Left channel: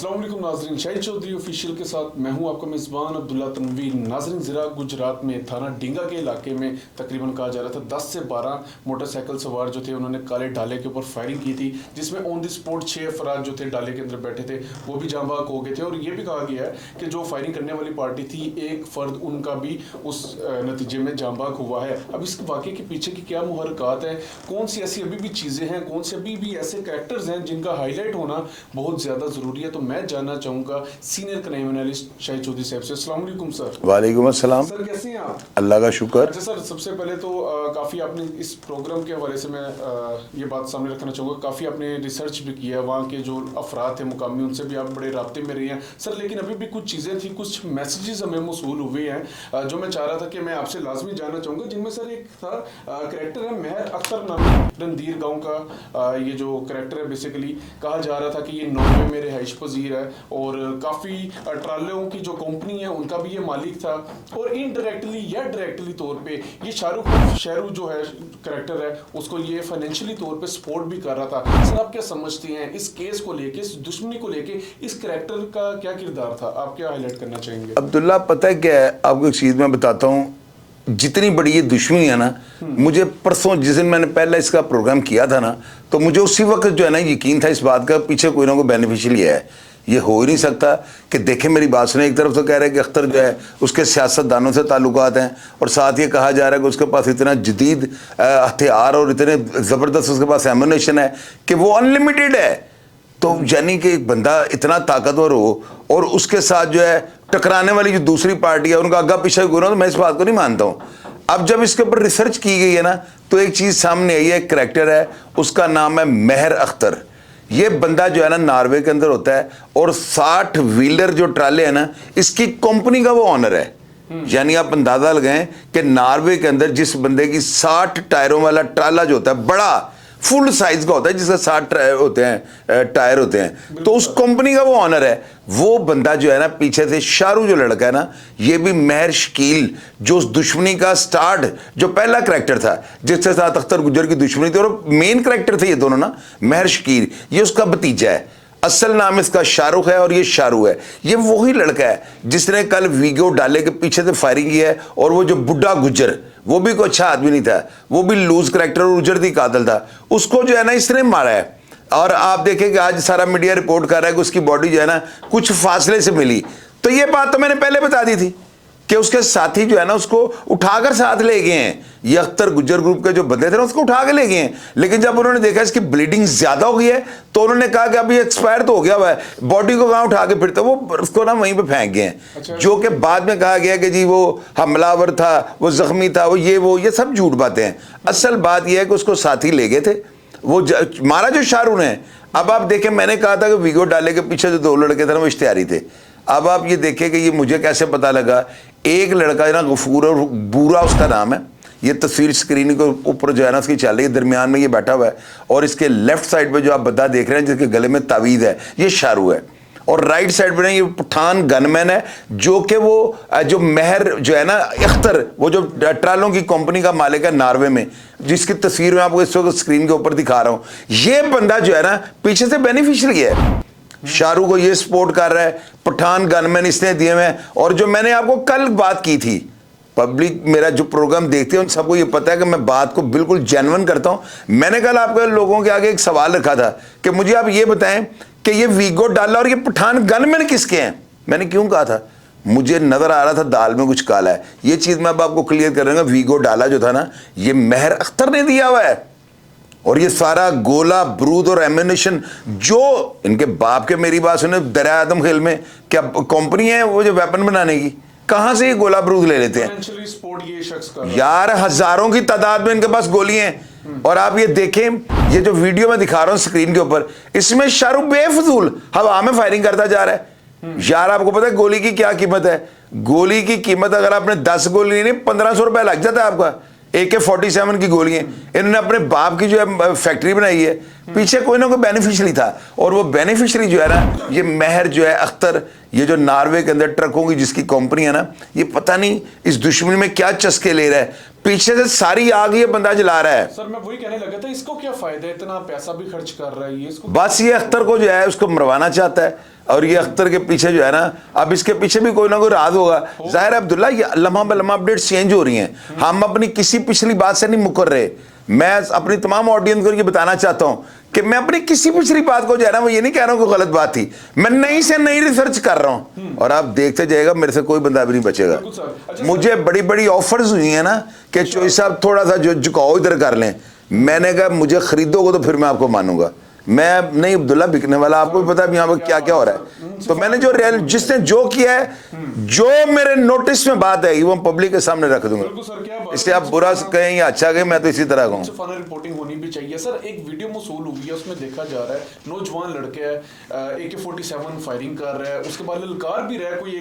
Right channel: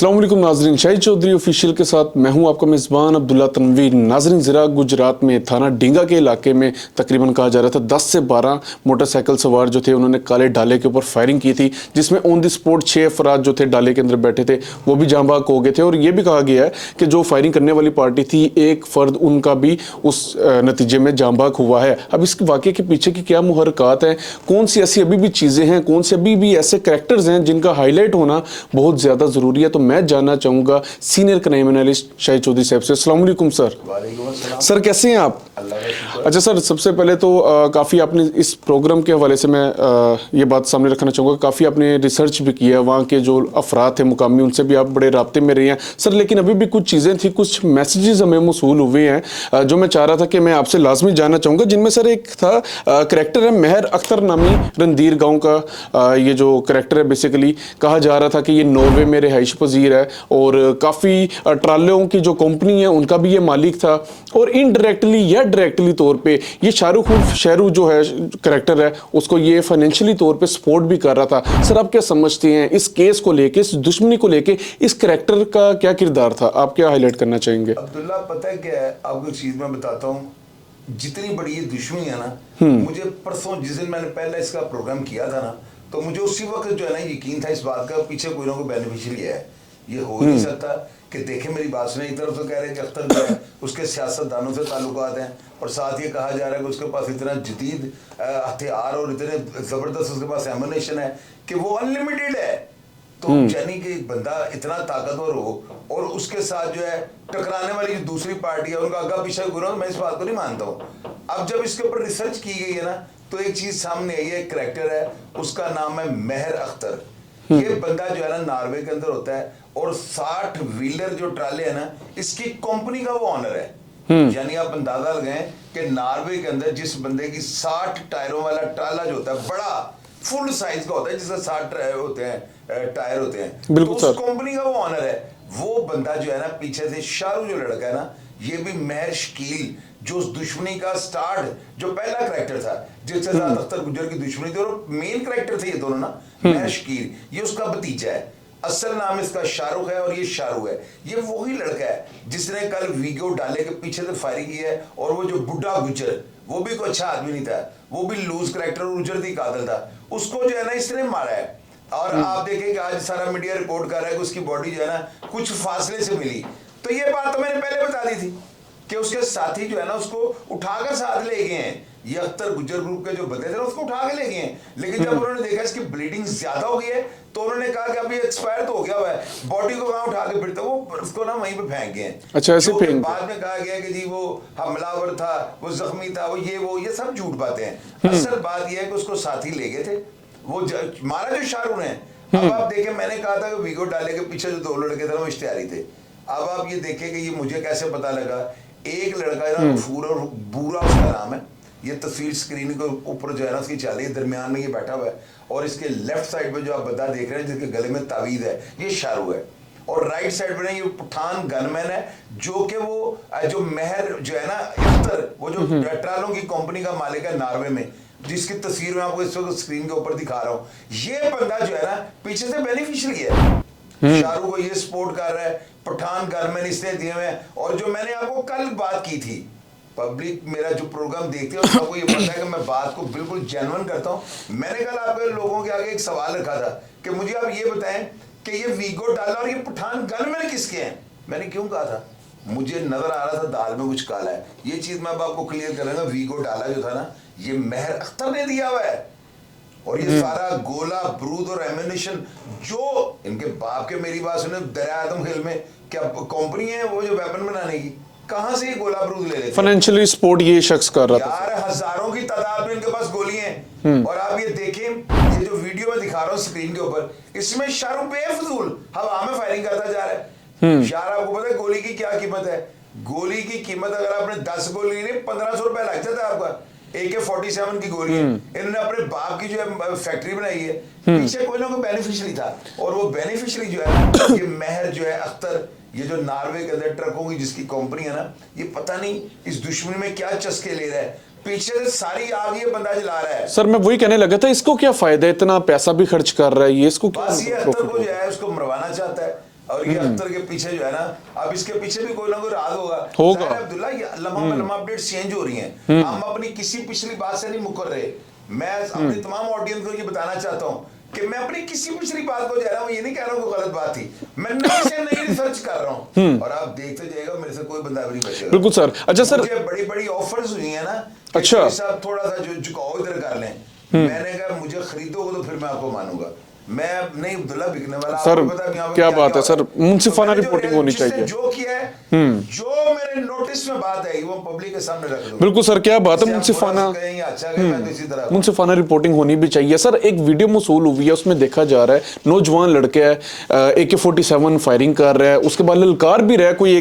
अस्सलाम वालेकुम नाजरीन, शाहिद चौधरी ऑफिशियल के साथ मैं हूं आपका मेज़बान अब्दुल्ला तनवीर। नाजरीन, ज़रा गुजरात में थाना डिंगा के इलाके में तकरीबन कहा जा रहा था 10 से 12 मोटरसाइकिल सवार जो थे उन्होंने काले डाले के ऊपर फायरिंग की थी, जिसमें ऑन द स्पॉट 6 अफराद जो थे डाले के अंदर बैठे थे वो भी जाँ बाग हो गए थे। और ये भी कहा गया है कि जो फायरिंग करने वाली पार्टी थी एक फ़र्द उनका भी उस नतीजे में जाँ बाग हुआ है। अब इस वाक़े के पीछे की क्या मुहरक़ात हैं, कौन सी ऐसी अभी भी चीज़ें हैं, कौन से अभी भी ऐसे करैक्टर्स हैं जिनका हाईलाइट होना बहुत ज़्यादा ज़रूरी है, तो मैं जानना चाहूँगा senior crime analyst Shahid Chaudhary साहब से। अस्सलाम वालेकुम सर। वालेकुम अस्सलाम सर, कैसे हैं आप? अल्लाह का शुक्र। अच्छा सर, सबसे पहले तो काफ़ी आपने इस प्रोग्राम के हवाले से मैं ये बात सामने रखना चाहूँगा, काफ़ी आपने रिसर्च भी किया है, वहाँ के जो अफराद थे मुकामी उनसे भी आप बड़े राब्ते में रहे हैं सर। लेकिन अभी भी कुछ चीज़ें थी, कुछ मैसेजेस हमें मौसूल हुए हैं जो मैं चाह रहा था कि मैं आपसे लाजमी जानना चाहूँगा, जिनमें सर एक था करैक्टर है मेहर अख्तर नामी रणधीर गाँव का। ये जो करैक्टर है बेसिकली कहा जा रहा था कि ये नॉर्वे में रिहाइश पजीर है और काफ़ी ट्रालों की जो कंपनी है उनका भी ये मालिक था, और इनडायरेक्टली या डायरेक्टली तौर पे ये शाहरुख शेरू जो है करैक्टर है उसको ये फाइनेंशियली तौर पे सपोर्ट भी कर रहा था। सर, आप क्या समझते हैं इस केस को लेके, इस दुश्मनी को लेके इस करैक्टर का क्या किरदार था, आप क्या हाईलाइट करना चाहेंगे? अब्दुल्ला, पता है क्या है, आपको एक चीज़ मैं बताता हूँ, जितनी बड़ी ये दुश्मनी है ना, मुझे परसों जिस दिन मैंने पहले इसका प्रोग्राम किया था ना, तो मुझे उसी वक्त जो है ना यकीन था इस बात का पीछे कोई ना कोई बेनिफिशियल है। ये हो ही नहीं सकता कि देखें, मेरी बात सुने, एक तरफ तो कह रहे हैं कि अख्तर जो है उसके सियासतदानों से ताल्लुकात हैं, और साथ ये कहा जा रहा है कि उसके पास इतना जदीद हथियार और इतने ज़बरदस्त उसके पास एमुनेशन है कि वो अनलिमिटेड है। तो यानी कि एक बंदा इतना ताकतवर हो और उसके साथ जो है टकराने वाली जो दूसरी पार्टी है उनका आगा पीछा गुना, तो मैं इस बात को नहीं मानता हूँ। अब जब इसके ऊपर रिसर्च की गई है ना, तो एक चीज़ सामने आई है, एक करैक्टर है, उसका नाम है मेहर अख्तर। ये बंदा जो है ना नॉर्वे के अंदर होता है, और 60 व्हीलर जो ट्राले है ना, इसकी कंपनी का वो ऑनर है। यानी आप अंदाजा लगाएं कि नॉर्वे के अंदर जिस बंदे की 60 टायरों वाला ट्राला जो होता है, बड़ा फुल साइज का होता है, जिसका 60 होते हैं टायर होते हैं, तो उस कंपनी का वो ऑनर है। वो बंदा जो है ना, पीछे से शाहरुख जो लड़का है ना, ये भी मेहर शकील, जो उस दुश्मनी का स्टार्ट, जो पहला करैक्टर था जिसके साथ अख्तर गुजर की दुश्मनी थी, और मेन करैक्टर थे ये दोनों ना, मेहर शकील, ये उसका भतीजा है। असल नाम इसका शाहरुख है और ये शाहरुख है। ये वही लड़का है जिसने कल वीडियो डाले के पीछे से फायरिंग की है, और वो जो बुढ़ा गुजर, वो भी कोई अच्छा आदमी नहीं था, वो भी लूज करैक्टर और उजरती कातिल था, उसको जो है ना इसने मारा है। और आप देखें कि आज सारा मीडिया रिपोर्ट कर रहा है कि उसकी बॉडी जो है ना कुछ फासले से मिली। तो ये बात तो मैंने पहले बता दी थी कि उसके साथी जो है ना उसको उठाकर साथ ले गए हैं। ये अख्तर गुज्जर ग्रुप के जो बंदे थे ना उसको उठा के ले गए हैं, लेकिन जब उन्होंने देखा इसकी ब्लीडिंग ज्यादा हो गई है तो उन्होंने कहा कि अभी एक्सपायर तो हो गया हुआ है, बॉडी को कहाँ उठा के फिरते, वो उसको ना वहीं पे फेंक गए हैं। अच्छा, जो कि बाद में कहा गया कि जी वो हमलावर था, वो जख्मी था, वो ये सब झूठ बातें हैं। असल बात यह है कि उसको साथी ले गए थे, वो मारा जो शाहरुख ने। अब आप देखें, मैंने कहा था कि वीडियो डाले के पीछे जो 2 लड़के थे ना वो इश्तिहारी थे। अब आप ये देखें कि ये मुझे कैसे पता लगा, एक लड़का ना गफूर और बूरा उसका नाम है, ये तस्वीर स्क्रीन के ऊपर जो है ना उसकी चल रही है, दरमियान में ये बैठा हुआ है, और इसके लेफ्ट साइड पे जो आप बंदा देख रहे हैं जिसके गले में तावीज़ है, ये शाहरुख है, और राइट साइड पे ना ये पठान गनमैन है, जो कि वो जो मेहर जो है ना अख्तर, वो जो ट्रालों की कंपनी का मालिक है नॉर्वे में, जिसकी तस्वीर मैं आपको इस वक्त स्क्रीन के ऊपर दिखा रहा हूँ। ये बंदा जो है ना पीछे से बेनिफिशियरी है, शाहरुख को ये सपोर्ट कर रहा है, पठान गनमैन इसने दिए हुए हैं। और जो मैंने आपको कल बात की थी, पब्लिक मेरा जो प्रोग्राम देखते हैं उन सबको ये पता है कि मैं बात को बिल्कुल जेन्युइन करता हूं। मैंने कल आपके लोगों के आगे एक सवाल रखा था कि मुझे आप ये बताएं कि ये वीगो डाला और ये पठान गनमैन किसके हैं। मैंने क्यों कहा था, मुझे नजर आ रहा था दाल में कुछ काला है। ये चीज मैं अब आपको क्लियर कर रहा हूँ, वीगो डाला जो था ना, ये मेहर अख्तर ने दिया हुआ है, और ये सारा गोला बारूद और एम्यूनेशन जो इनके बाप के, मेरी बात सुने, दरिया आदम खेल में क्या कंपनी है वो जो वेपन बनाने की, कहां से ये गोला बारूद ले लेते हैं? फाइनेंशियली सपोर्ट ये शख्स कर रहा है यार, हजारों की तादाद में इनके पास गोलियां हैं। और आप ये देखें, ये जो वीडियो मैं दिखा रहा हूं स्क्रीन के ऊपर, इसमें शाहरुख बेफजूल हवा में फायरिंग करता जा रहा है। यार, आपको पता है गोली की क्या कीमत है? गोली की कीमत अगर आपने 10 गोली ली, 1500 रुपए लग जाता है आपका। AK-47 की गोलियां इन्होंने अपने बाप की जो है फैक्ट्री बनाई है, पीछे कोई ना कोई बेनिफिशियरी था, और वो बेनिफिशियरी जो है ना, ये मेहर जो है अख्तर, ये जो नॉर्वे के अंदर ट्रकों की जिसकी कंपनी है ना, ये पता नहीं इस दुश्मनी में क्या चस्के ले रहा है, पीछे से सारी आग ये बंदा जला रहा है। सर, मैं वही कहने लगा था, इसको क्या फायदा है, इतना पैसा भी खर्च कर रहा है ये, इसको बस ये अख्तर को जो है उसको मरवाना चाहता है। और ये अख्तर के पीछे जो है ना, अब इसके पीछे भी कोई ना कोई राज होगा। जाहिर है अब्दुल्ला, ये लम्हा ब लम्हा अपडेट्स चेंज हो रही हैं। हम अपनी किसी पिछली बात से नहीं मुकर रहे। मैं अपनी तमाम ऑडियंस को ये बताना चाहता हूं कि मैं अपनी किसी पिछली बात को जो है ना, मैं ये नहीं कह रहा हूं कि गलत बात थी, मैं नई से नई रिसर्च कर रहा हूं और आप देखते जाएगा, मेरे से कोई बंदा भी नहीं बचेगा। बिल्कुल सर। अच्छा सर, मुझे बड़ी बड़ी ऑफर्स हुई है ना कि अच्छा। साहब थोड़ा सा जो झुकाओ इधर कर लें। मैंने कहा मुझे खरीदोगे तो फिर मैं आपको मानूंगा। मैं नहीं अब्दुल्ला बिकने वाला, आपको पता है यहाँ पर क्या क्या हो रहा है। तो मैंने जो जिसने जो किया है, जो मेरे नोटिस में बात है वो पब्लिक के सामने रख दूंगा। बिल्कुल सर, क्या बात है, आप बुरा कहें या अच्छा कहें, मैं तो इसी तरह मुंसिफाना रिपोर्टिंग होनी भी चाहिए। सर एक वीडियो मौसूल हुई है, उसमें देखा जा रहा है नौजवान लड़के है AK-47 फायरिंग कर रहा है, उसके बाद ललकार भी रहा है, कोई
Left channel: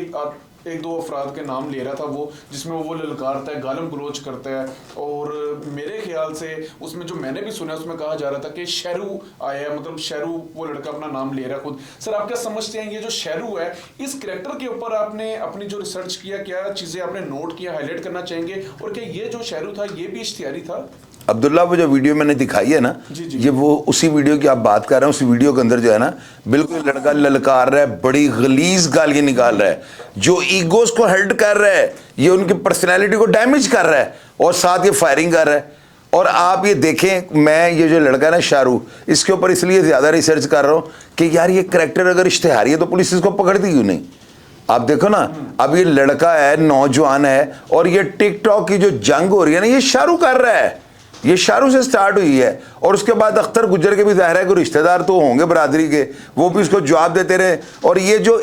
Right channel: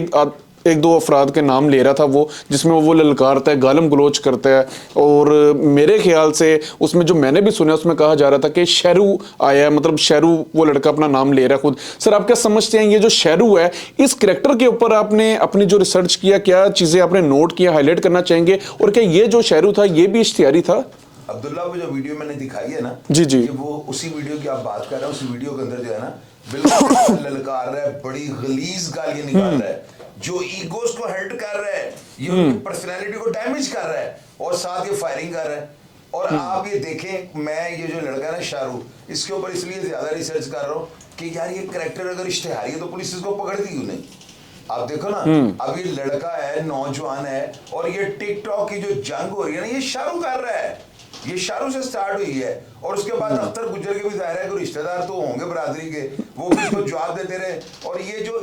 एक दो अफराद के नाम ले रहा था वो, जिसमें वो ललकारता है, गालम गलोच करता है। और मेरे ख्याल से उसमें जो मैंने भी सुना उसमें कहा जा रहा था कि शेरू आया है, मतलब शेरू वो लड़का अपना नाम ले रहा है खुद। सर आप क्या समझते हैं ये जो शेरू है, इस कैरेक्टर के ऊपर आपने अपनी जो रिसर्च किया, क्या चीजें आपने नोट किया, हाईलाइट करना चाहेंगे, और क्या ये जो शेरू था ये भी इश्तिहारी था? अब्दुल्ला, वो जो वीडियो मैंने दिखाई है ना, जी जी, ये वो उसी वीडियो की आप बात कर रहे हैं। उसी वीडियो के अंदर जो है ना, बिल्कुल लड़का ललकार रहा है, बड़ी गलीज गालियां निकाल रहा है, जो ईगोस को हर्ट कर रहा है, ये उनकी पर्सनैलिटी को डैमेज कर रहा है, और साथ ये फायरिंग कर रहा है। और आप ये देखें, मैं ये जो लड़का है ना शाहरुख, इसके ऊपर इसलिए ज्यादा रिसर्च कर रहा हूँ कि यार ये कैरेक्टर अगर इश्तिहारी है तो पुलिस इसको पकड़ती क्यों नहीं? आप देखो ना, अब ये लड़का है, नौजवान है, और ये टिकटॉक की जो जंग हो रही है ना, ये शाहरुख कर रहा है। ये शाहरुख से स्टार्ट हुई है, और उसके बाद अख्तर गुज्जर के भी ज़ाहिर है कि रिश्तेदार तो होंगे बरादरी के, वो भी इसको जवाब देते रहे। और ये जो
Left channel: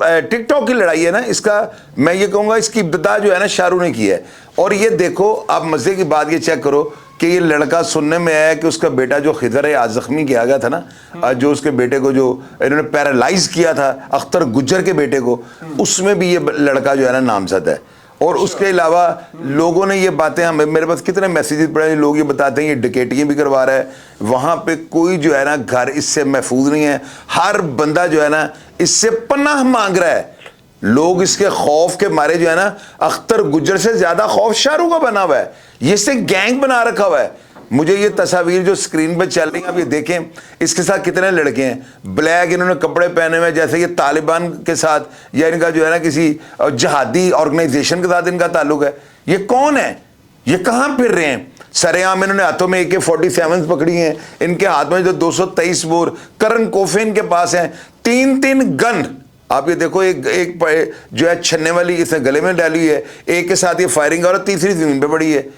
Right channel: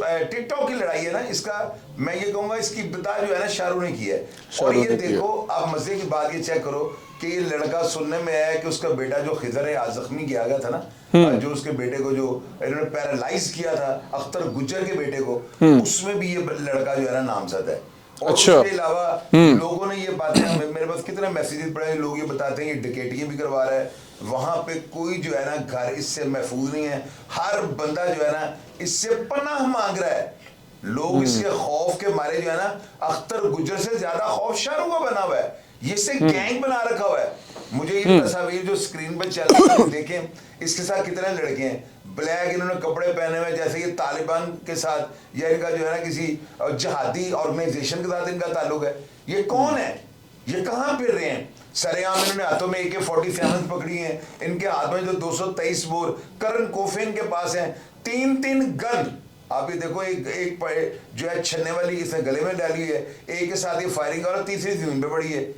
टिकटॉक की लड़ाई है ना, इसका मैं ये कहूँगा इसकी इब्तिदा जो है ना शाहरुख ने की है। और ये देखो, आप मज़े की बात ये चेक करो कि ये लड़का सुनने में आया कि उसका बेटा जो खिदर है आज जख्मी किया गया था ना, जो उसके बेटे को जो इन्होंने पैरालाइज किया था अख्तर गुज्जर के बेटे को, उसमें भी ये लड़का जो है ना नामजद है। और अच्छा। उसके अलावा लोगों ने ये बातें, हमें मेरे पास कितने मैसेजेस पड़े हैं, लोग ये बताते हैं ये डकैतियां भी करवा रहा है। वहां पे कोई जो है ना घर इससे महफूज नहीं है, हर बंदा जो है ना इससे पनाह मांग रहा है। लोग इसके खौफ के मारे जो है ना, अख्तर गुज्जर से ज्यादा खौफ शाहरुख का बना हुआ है, ये इससे गैंग बना रखा हुआ है। मुझे ये तस्वीर जो स्क्रीन पे चल रही है देखें, इसके साथ कितने लड़के हैं, ब्लैक इन्होंने कपड़े पहने हुए जैसे ये तालिबान के साथ या इनका जो है ना किसी जहादी ऑर्गेनाइजेशन के साथ इनका ताल्लुक है। ये कौन है, ये कहाँ फिर रहे हैं? सरेआम इन्होंने हाथों में AK-47 पकड़ी हैं, इनके हाथ में जो 223 बोर करन कोफे इनके पास हैं, 3-3 गन। आप ये देखो, एक जो है छन्ने वाली इसने गले में डाली हुई है, एक के साथ ये फायरिंग और तीसरी जमीन पे पड़ी है।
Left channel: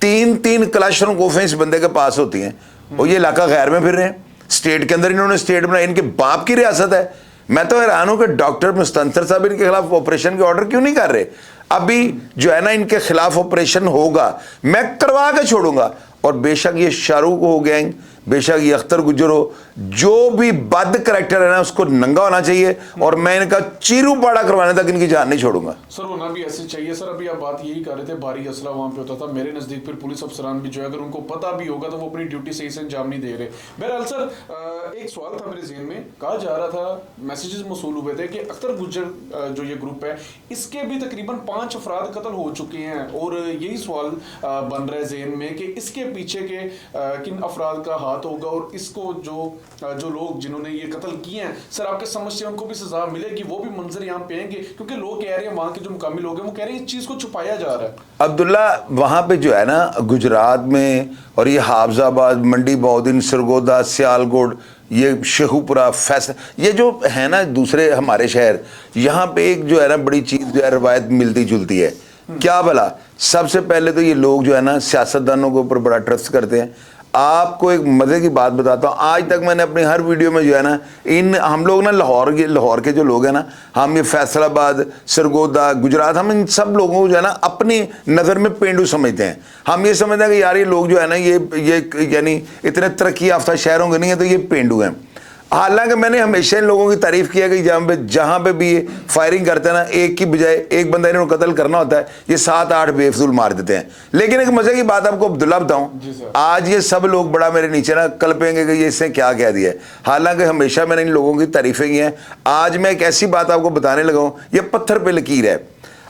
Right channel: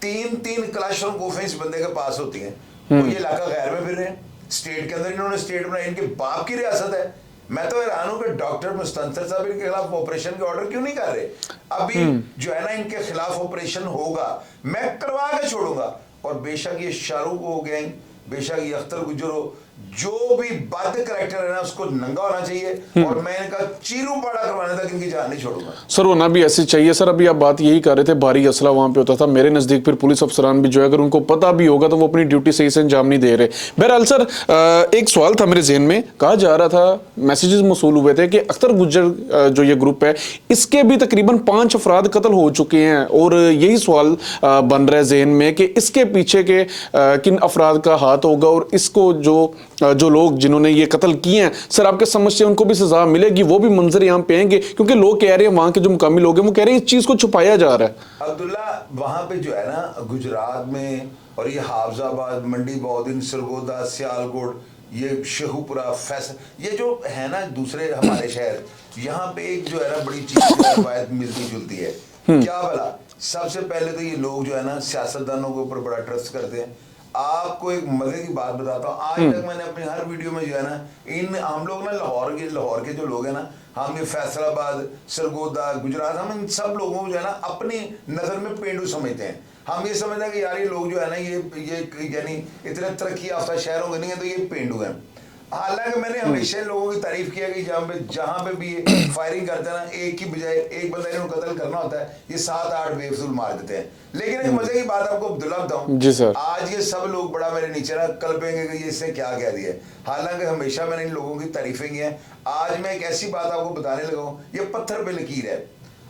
3-3 क्लाशरूम कोफे इस बंदे के पास होती हैं। और ये इलाका गैर में फिर रहे हैं, स्टेट के अंदर इन्होंने स्टेट बनाई, इनके बाप की रियासत है। मैं तो हैरान हूं कि डॉक्टर मुस्तंसर साहब इनके खिलाफ ऑपरेशन के ऑर्डर क्यों नहीं कर रहे। अभी जो है ना इनके खिलाफ ऑपरेशन होगा, मैं करवा के छोड़ूंगा। और बेशक ये शाहरुख हो गैंग, बेशक ये अख्तर गुज्जर हो, जो भी बद करैक्टर है ना उसको नंगा होना चाहिए, और मैं इनका चीरू पाड़ा करवाने तक इनकी जान नहीं छोड़ूंगा। सर होना भी ऐसी चाहिए। सर अभी आप बात यही कर रहे थे, भारी असला वहां पे होता था, मेरे नजदीक फिर पुलिस अफसरान भी जो है अगर उनको पता भी होगा तो वो अपनी ड्यूटी सही से अंजाम नहीं दे रहे। बहरहाल सर एक सवाल था मेरे जहन में, कहा जा रहा था, मैसेजेस मौसूल हुए थे कि अख्तर गुज्जर जो ये ग्रुप है इसके भी तकरीबन 5 अफराद कत्ल हो चुके हैं, और यही सवाल बन रहा है जहन में कि इसके पीछे के किन अफराद का हाथ होगा, और इसको जो लोग जिन्होंने ये कत्ल किए हैं, सर आपके समझ से उनको भी सजा मिलेगी, वो भी मंजर यहाँ पे आएंगे? क्योंकि लोग कह रहे हैं, वहां के जो मुकामी लोग हैं वो कह रहे हैं इस चीज को छुपाया जा रहा है। अब्दुल्ला, वहां पे जो है ना गुजरात में, और ये हाफजाबाद, मंडी बौद्दीन, सरगोदा, सियालकोट, ये शेखुपुरा, फैसल, ये जो है ना दूसरे हमारे शहर, यहाँ पे एक जो है ना बड़ी चीज जो है रवायत मिलती जुलती है। क्या भला, सबसे पहले तो ये लोग जो है ना सियासतदानों के ऊपर बड़ा ट्रस्ट करते हैं। आपको एक मजे की बात बताता हूँ, आज तक मैंने अपनी हर वीडियो में जो है ना हम लोग ना लाहौर के जो लोग हैं ना, हम ये फैसलाबाद, सरगोदा, गुजरात, हम इन सब लोगों को जो है ना अपनी नज़र में पेंडू समझते हैं। हम ये समझते हैं कि यार ये लोग जो है ना ये यानी इतने तरक्की याफ्ता शहरों के नहीं है तो ये पेंडू हैं। हालांकि मैंने हमेशा इन लोगों की तारीफ किया कि जहाँ पे भी फायरिंग करते हैं ना, एक की बजाय एक बंदा इन्होंने कत्ल करना होता है, ये 7-8 बेफजूल मार देते हैं। लेकिन एक मजे की बात आपको अब्दुल्ला बताऊं, आज ये सब लोग बड़ा मेरे नीचे ना कल्पेंगे कि ये इसने क्या कह दिया है। हालांकि हमेशा मैंने इन लोगों की तारीफें की हैं। आज मैं एक ऐसी बात आपको बताने लगा हूं, ये पत्थर पे लकीर है।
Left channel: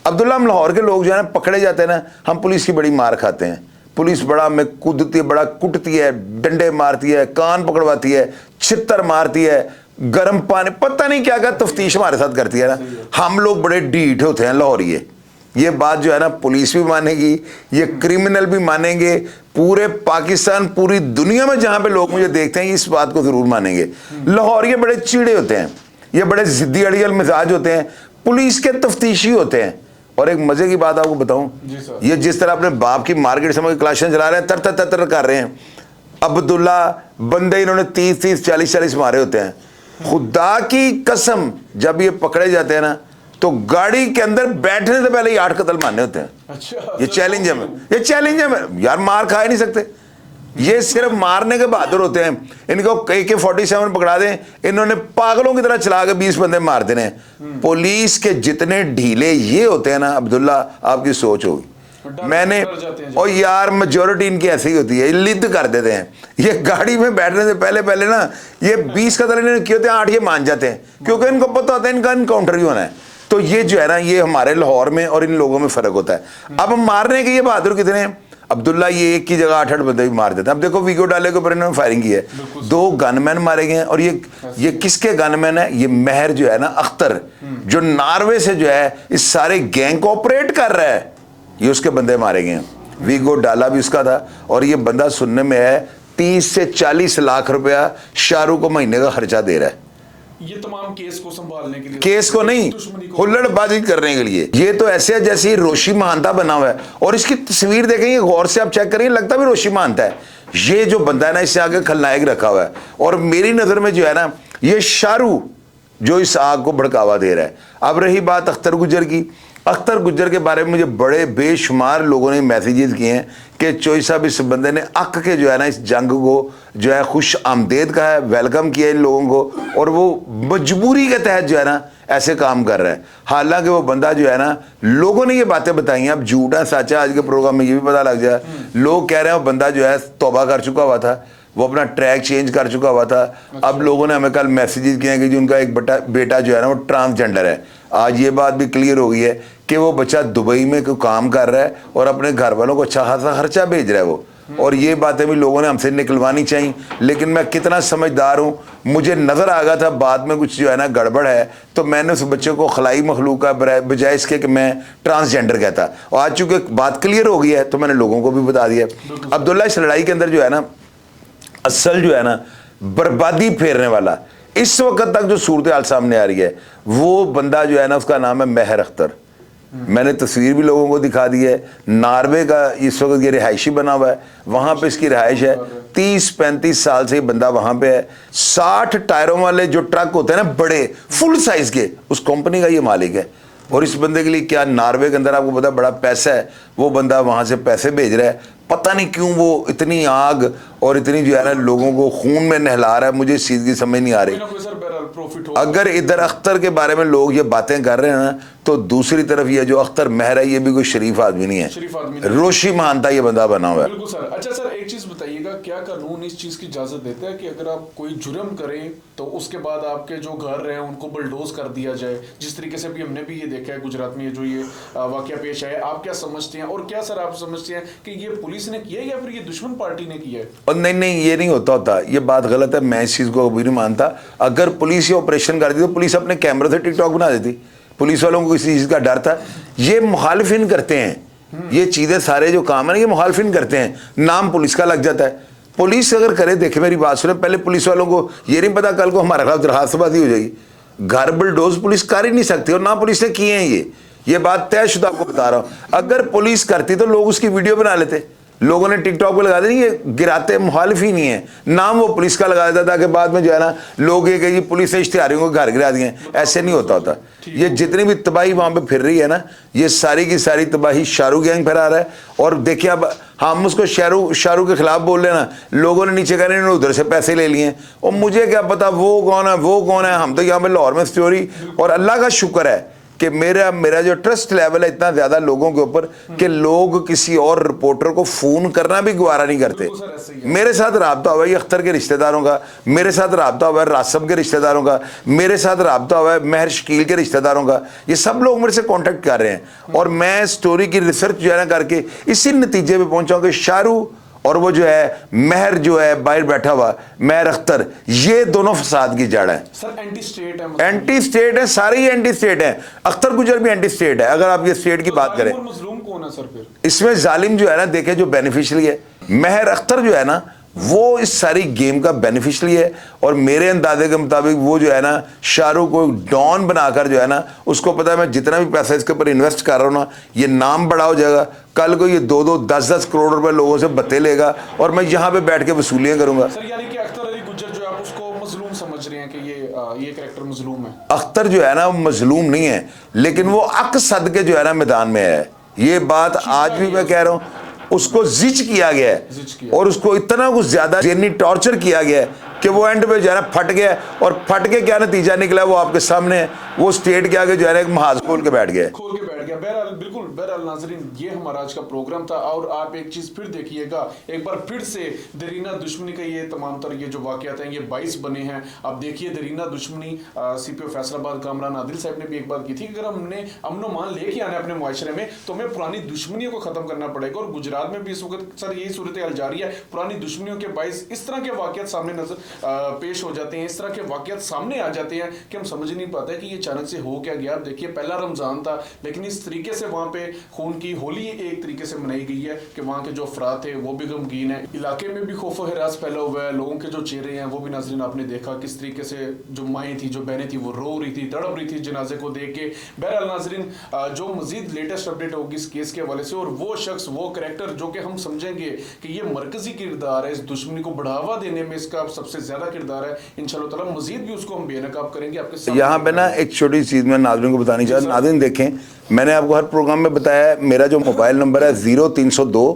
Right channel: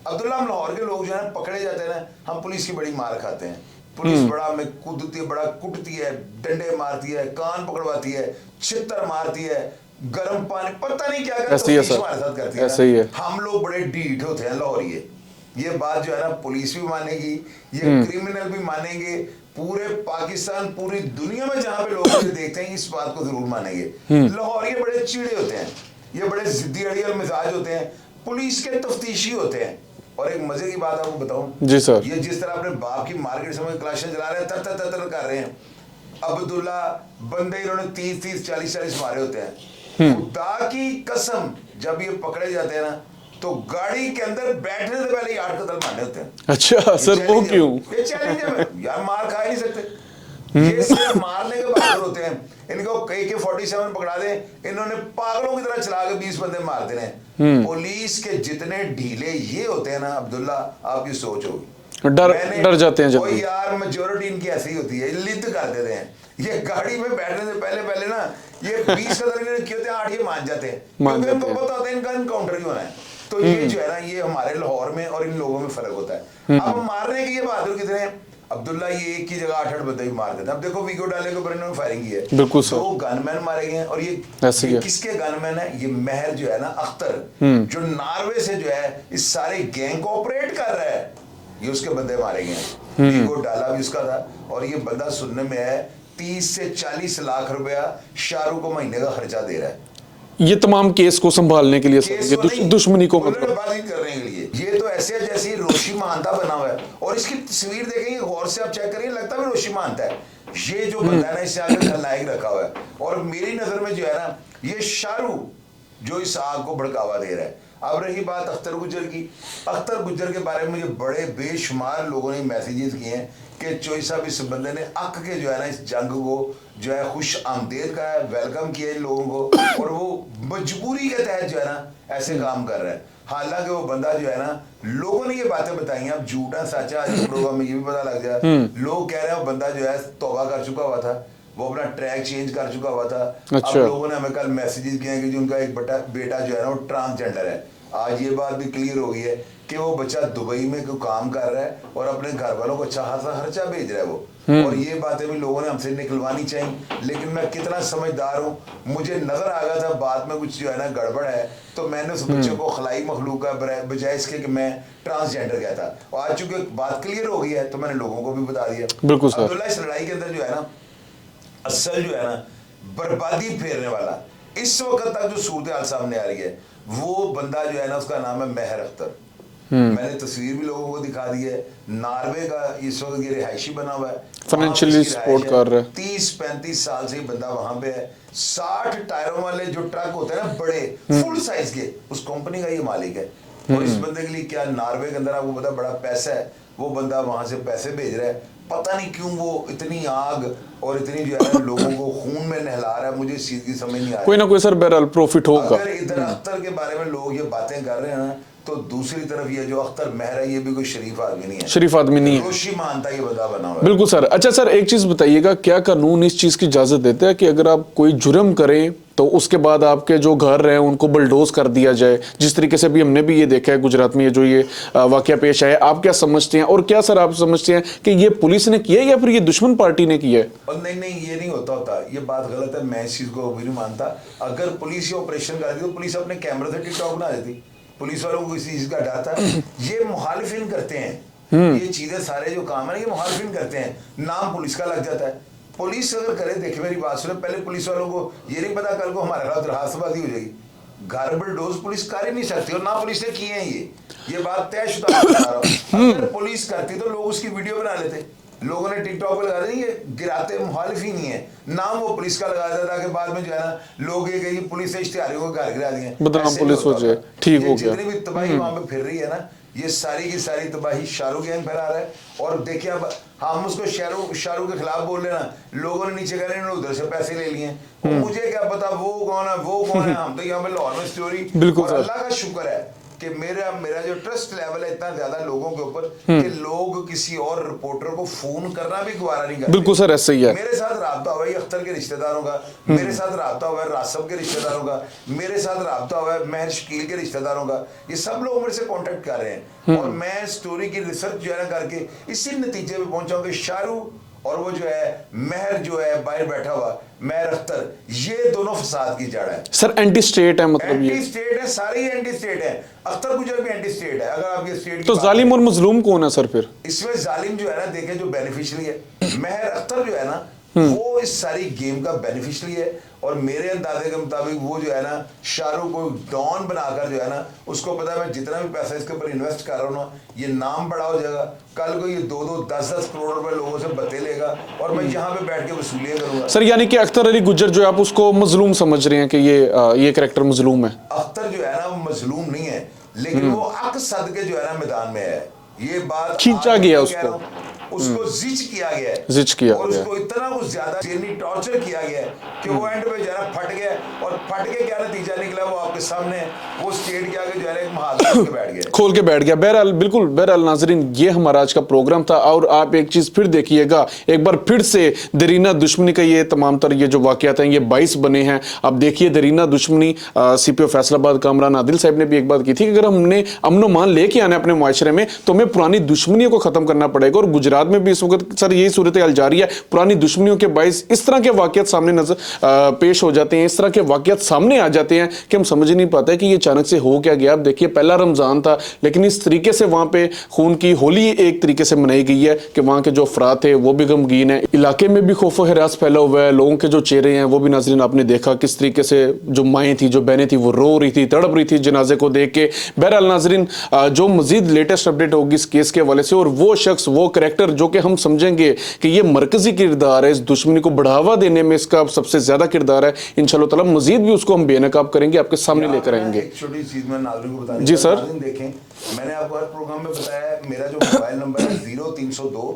अब्दुल्ला, हम लाहौर के लोग जो है ना पकड़े जाते हैं ना, हम पुलिस की बड़ी मार खाते हैं। पुलिस बड़ा में कूदती है, बड़ा कुटती है, डंडे मारती है, कान पकड़वाती है, छितर मारती है, गर्म पानी, पता नहीं क्या क्या ऐसे ही है तफ्तीश सर। हमारे साथ करती है ऐसे ही ना। है। हम लोग बड़े ढीठ होते हैं लाहौरिये, ये बात जो है ना पुलिस भी मानेगी, ये क्रिमिनल भी मानेंगे, पूरे पाकिस्तान पूरी दुनिया में जहां पे लोग ये देखते हैं इस बात को जरूर मानेंगे। लाहौरिये बड़े चिड़े होते हैं, ये बड़े जिद्दी अड़ियल मिजाज होते हैं, पुलिस के तफ्तीशी होते हैं। और एक मजे की बात आपको बताऊं जी सर, ये जिस तरह अपने बाप की मार्केट समझ क्लाशन चला रहे हैं, तर तर तर तर कर रहे हैं। अब्दुल्ला बंदे इन्होंने 30-30 40-40 मारे होते हैं। खुदा की कसम जब ये पकड़े जाते हैं ना तो गाड़ी के अंदर बैठने से पहले ही 8 कत्ल मारने होते हैं। अच्छा ये सर, चैलेंज वो है, क्यों? ये चैलेंज है यार, मार खा ही नहीं सकते, ये सिर्फ मारने के बहादुर होते हैं। इनको AK-47 पकड़ा दें, इन्होंने पागलों की तरह चला के 20 बंदे मार देने हैं। पुलिस के जितने ढीले ये होते हैं ना अब्दुल्ला, आपकी सोच होगी। डर जाते हैं और यार मेजोरिटी इनकी ऐसी ही होती है, लिद्द कर देते हैं। ये गाड़ी में बैठने से पहले पहले ना ये 20 कत्ल इन्होंने किए होते हैं, 8 ये मान जाते हैं, क्योंकि इनको पता होता है इनका इनकाउंटर ही होना है। तो ये जो है ना ये हमारे लाहौर में और इन लोगों में फर्क होता है। अब मारने के ये बहादुर कितने हैं, अब्दुल्ला ये एक की जगह 8-8 बंदे भी मार देते हैं। अब देखो वीडियो डाले के ऊपर इन्होंने फायरिंग की है, 2 गनमैन मारे गए हैं। और ये किसके गनमैन है, ये महर जो है ना अख्तर, जो नॉर्वे से जो है इस सारे गैंग को ऑपरेट कर रहा है, ये उसके बंदे मारे गए हैं। वीगो डाला भी उसका था। और ये बंदा सुनने में है 30 से 40 लाख रुपया शाहरुख को महीने का खर्चा दे रहा है, ये तमाम केस को संभालने के लिए, केस को नहीं, दुश्मनी को, हुल्लड़बाजी करने के लिए। ये तो ऐसे है जैसे रोशी महानता बना हुआ है। और इसकी तस्वीर देखेंगे गौर से, आप चेक करेंगे, लगता भी रोशी महानता है। ये जो बंदा है ना इससे आगे खलनायक रखा हुआ है। और मेरी नजर में जो है ना ये शाहरुख जो इस आग को भड़कावा दे रहा है। अब रही बात अख्तर गुज्जर की, अख्तर गुज्जर के बारे में मुझे बड़े बेशुमार लोगों ने मैसेजेस किए हैं कि चोई साहब इस बंदे ने अक के जो है ना इस जंग को जो है खुश आमदेद का है, वेलकम किया इन लोगों को, और वो मजबूरी के तहत जो है ना ऐसे काम कर रहा है। हालांकि वो बंदा जो है ना, लोगों ने ये बातें बताई हैं, अब झूठा सच्चा आज के प्रोग्राम में ये भी पता लग जाए। लोग कह रहे हैं वो बंदा जो है तौबा कर चुका हुआ था, वो अपना ट्रैक चेंज कर चुका हुआ था। अच्छा। अब लोगों ने हमें कल मैसेजेस किए हैं कि जो उनका एक बेटा जो है ना वो ट्रांसजेंडर है। आज ये बात भी क्लियर हो गई है कि वो बच्चा दुबई में कोई काम कर रहा है और अपने घर वालों को अच्छा खासा खर्चा भेज रहा है वो। और ये बातें भी लोगों ने हमसे निकलवानी चाहिए। लेकिन मैं कितना समझदार हूँ, मुझे नजर आ गया था बाद में कुछ जो है ना गड़बड़ है, तो मैंने उस बच्चे को खलाई मखलूक का बजाय इसके कि मैं ट्रांसजेंडर कहता। और आज चूंकि बात क्लियर हो गई है तो मैंने लोगों को भी बता दिया। अब्दुल्ला इस लड़ाई के अंदर जो है ना असल जो है ना बर्बादी फेरने वाला इस वक्त तक जो सूरत हाल सामने आ रही है, वो बंदा जो है ना उसका नाम है महर अख्तर। मैंने तस्वीर भी लोगों को दिखा दी है। नॉर्वे का इस वक्त ये रिहायशी बना हुआ है, वहां पे इसकी रिहाइश है। 30-35 साल से बंदा वहां पे है। 60 टायरों वाले जो ट्रक होते हैं ना बड़े फुल साइज के, उस कंपनी का ये मालिक है। और इस बंदे के लिए क्या नॉर्वे के अंदर आपको पता बड़ा पैसा है, वो बंदा वहां से पैसे भेज रहा है। पता नहीं क्यों वो इतनी आग और इतनी जो है ना लोगों को खून में नहला रहा है, मुझे इस चीज की समझ नहीं आ रही। कोई ना कोई सर बहरहाल प्रॉफिट होगा। अगर इधर अख्तर के बारे में लोग ये बातें कर रहे हैं ना, तो दूसरी तरफ ये जो अख्तर महर है ये भी कोई शरीफ आदमी नहीं है, शरीफ आदमी नहीं है। रोशी मानता ये बंदा बना हुआ है। बिल्कुल सर। अच्छा सर, एक चीज बताइएगा, क्या कानून इस चीज की इजाजत देता है कि अगर आप कोई जुर्म करें तो उसके बाद आपके जो घर रहे उनको बुलडोज कर दिया जाए, जिस तरीके से भी हमने भी ये देखा है गुजरात में ये जो ये वाकया पेश आया, आप क्या समझते हैं? और क्या सर आप समझते हैं कि ये पुलिस ने किया या फिर ये दुश्मन पार्टी ने किया है? और नहीं ये नहीं होता, ये बात गलत है, मैं इस चीज को भी नहीं मानता। अगर पुलिस ये ऑपरेशन कर दी तो पुलिस अपने कैमरे से टिकटॉक बना देती। पुलिस वालों को किसी चीज का डर था, ये मुखालिफिन करते हैं, ये चीजें सारे जो काम है ना ये मुखालिफिन करते हैं, नाम पुलिस का लग जाता है। पुलिस अगर करे, देखे मेरी बात सुने, पहले पुलिस वालों को ये नहीं पता कल को हमारे खिलाफ दरखास्तबाजी हो जाएगी। घर बुलडोज पुलिस कर ही नहीं सकती, और ना पुलिस ने किए हैं ये बात तयशुदा बता रहा हूं। अगर पुलिस करती तो लोग उसकी वीडियो बना लेते, लोगों ने टिकटॉक पे लगा दी। ये गिराते मुखालिफ ही नहीं है, नाम वो पुलिस का लगा देता ताकि बाद में जो है ना लोग ये कहे पुलिस ने इश्तिहारियों को घर गिरा दिए। ऐसे नहीं होता। ये जितनी भी तबाही वहां पे फिर रही है ना, ये सारी की सारी तबाही शाहरुख गैंग फैला रहा है। और देखिए अब हम उसको शाहरुख के खिलाफ बोल रहे ना, लोगों ने नीचे कह रहे हैं उधर से पैसे ले लिए, और मुझे क्या पता वो कौन है। हम तो यहाँ पे लाहौर में स्टोरी, और अल्लाह का शुक्र है कि मेरा जो ट्रस्ट लेवल है इतना ज्यादा लोगों के ऊपर कि लोग किसी और रिपोर्टर को फोन करना भी गवारा नहीं करते। बिल्कुल सर, ऐसे ही है। मेरे साथ राब्ता हुआ है अख्तर के रिश्तेदारों का, मेरे साथ राब्ता हुआ है रासम के रिश्तेदारों का, मेरे साथ राब्ता हुआ है महर शकील के रिश्तेदारों का। ये सब लोग मेरे से कांटेक्ट कर रहे हैं, और मैं स्टोरी की रिसर्च जो है ना करके इसी नतीजे पे पहुंचा कि शाहरुख और वो जो है महर जो है बाहर बैठा हुआ महर अख्तर, ये दोनों फसाद की जड़ है। सर एंटी स्टेट है, मतलब एंटी स्टेट है, सारे ही एंटी स्टेट है। अख्तर गुजर भी एंटी स्टेट है। अगर आप ये स्टेट की तो बात जालिम करें, और मजलूम कौन है सर फिर इसमें जालिम जो है ना, देखे जो बेनिफिशियरी है, महर अख्तर जो है ना, वो इस सारी गेम का बेनिफिशियरी है। और मेरे अंदाजे के मुताबिक वो जो है ना, शाहरुख को डॉन बनाकर जो है ना, उसको पता है मैं जितना भी पैसा इसके ऊपर इन्वेस्ट कर रहा हूँ ना, ये नाम बड़ा हो जाएगा, कल को ये 2-2, 10-10 करोड़ रुपए लोगों से बत्ते लेगा और मैं यहाँ पे बैठ के वसूलियां करूंगा। सर? यानी कि अख्तर अली गुज्जर जो है, आप उसको मजलूम समझ रहे हैं कि ये कैरेक्टर मजलूम है? अख्तर जो है ना वो मजलूम नहीं है, लेकिन वो अक सद के जो है ना मैदान में है। ये बात आज भी मैं कह रहा हूँ, उसको जिच किया गया है, जिच किया और गया। उसको इतना कुछ ज्यादा जेनी टॉर्चर किया गया है कि वो एंड पे जो है ना फट गया, और फट के क्या नतीजा निकला वो आपके सामने है। वो स्टेट के आगे जो है ना एक महाज खोल के बैठ गया, खोल के बैठ गया। बहरहाल, बिल्कुल बहरहाल नाजरीन, ये हमारा आज का प्रोग्राम था। और आप एक चीज फिर देखिएगा, एक बार फिर से दरीना दुश्मनी का ये तमाम तर ये जो वाकयात हैं, ये 22 बने हैं। अब देखिए दरीना दुश्मनी, सीपीओ फैसलाबाद कामरान आदिल साहब ने भी एक बात की थी कि अगर हमने अमनो मान लेके आना है अपने मुआशरे में, तो हमें पुरानी दुश्मनियों को खत्म करना पड़ेगा। और गुजरात में भी इस वक्त सर यही सूरत हाल जारी है। पुरानी दुश्मनियों के बाइस इस तरह के वाकयात सामने नजर पेश हो जाते हैं, इस तरह के वाकयात सामने आ जाते हैं कि हम समझ नहीं पाते कि ये अचानक से हो क्या गया। अब देखिए पहला रमजान था, लेकिन इस तरीके से वहां पे खून की होली एक तरीके से मनाई गई है कि वहां के जो अफराद थे वो भी गमगीन है। इलाके में भी खौफ व हिरास फैला हुआ है। लोगों के जो चेहरे हैं वो भी नाजरीन आपने देखा किस तरीके से, जो माएँ थी, जो बहनें थी, वो रो रही थी, तड़प रही थी जनाजे को देख के। बहरहाल नाजरीन, जो मजीद लेटेस्ट अपडेट होगी इस केस के हवाले से, और वो शख्स, वो कैरेक्टर जो कि हम समझेंगे कि ये मरकजी किरदार है, इस दुश्मनी को बढ़ावा देने में इसका सबसे ज्यादा किरदार है, इंशाल्लाह ताला मजीद भी उसको हम बेनकाब करेंगे, आपके सामने यहाँ पे लेकर ना आएंगे। एक छोटी चीज मैं नाज़रीन को बतानी चाहता हूँ। नाज़रीन देखें, मैंने आपको हर प्रोग्राम में बताया है, मेरा जो मोबाइल नंबर है 0302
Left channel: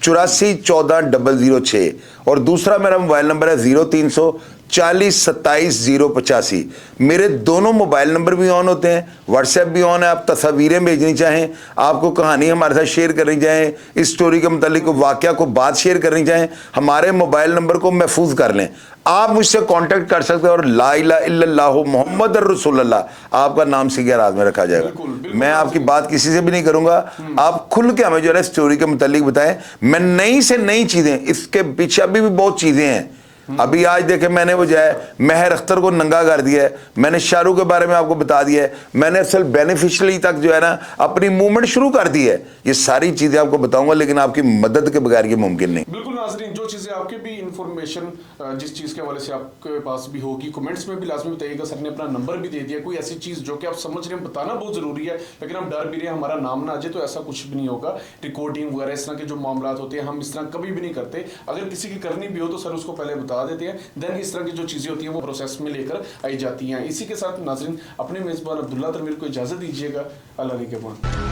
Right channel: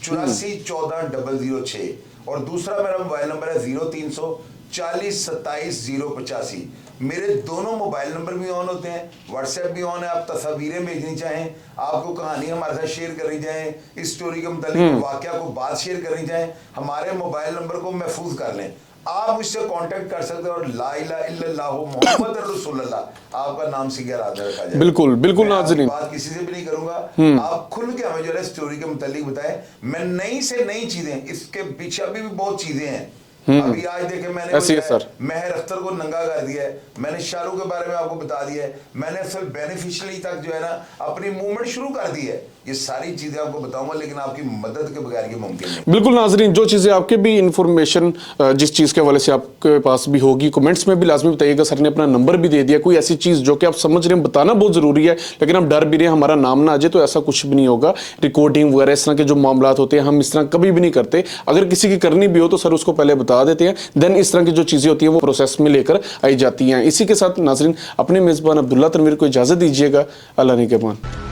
84 14 006, और दूसरा मेरा मोबाइल नंबर है 0300 40 27 085। मेरे दोनों मोबाइल नंबर भी ऑन होते हैं, व्हाट्सएप भी ऑन है। आप तस्वीरें भेजनी चाहें, आपको कहानी हमारे साथ शेयर करनी चाहें, इस स्टोरी के मतलब वाकया को बात शेयर करनी चाहें, हमारे मोबाइल नंबर को महफूज कर लें। आप मुझसे कांटेक्ट कर सकते हैं, और ला इलाहा इल्लल्लाह मुहम्मद रसूलुल्लाह आपका नाम सीधे राज में रखा जाएगा। बिल्कुल बिल्कुल। मैं आपकी बात किसी से भी नहीं करूंगा, आप खुल के हमें जो है स्टोरी के मुतालिक बताएं। मैं नई से नई चीजें, इसके पीछे अभी भी बहुत चीजें हैं। अभी आज देखे मैंने वो जो है महर अख्तर को नंगा कर दिया है, मैंने शाहरुख के बारे में आपको बता दिया है, मैंने असल बेनिफिशियरी तक जो है ना अपनी मूवमेंट शुरू कर दी है। ये सारी चीजें आपको बताऊंगा, लेकिन आपकी मदद के बगैर ये मुमकिन नहीं। बिल्कुल नाजरीन, जो चीजें आपके भी इंफॉर्मेशन जिस चीज के हवाले से आपके पास भी होगी, कमेंट्स में भी लाजमी बताइएगा। सर ने अपना नंबर भी दे दिया। कोई ऐसी चीज जो कि आप समझ रहे हैं, बताना बहुत जरूरी है, लेकिन हम डर भी रहे हैं हमारा नाम ना आ जाए, तो ऐसा कुछ भी नहीं होगा। रिकॉर्डिंग वगैरह इस तरह के जो मामला होते हैं, हम इस तरह कभी भी नहीं करते। अगर किसी की करनी भी हो तो सर उसको पहले बता देते हैं, देन इस तरह की जो चीजें होती हैं वो प्रोसेस में लेकर आई जाती हैं। इसी के साथ नाजरीन, अपने मेजबान अब्दुल्ला तनवीर को इजाजत दीजिएगा। अल्लाह ने के मान।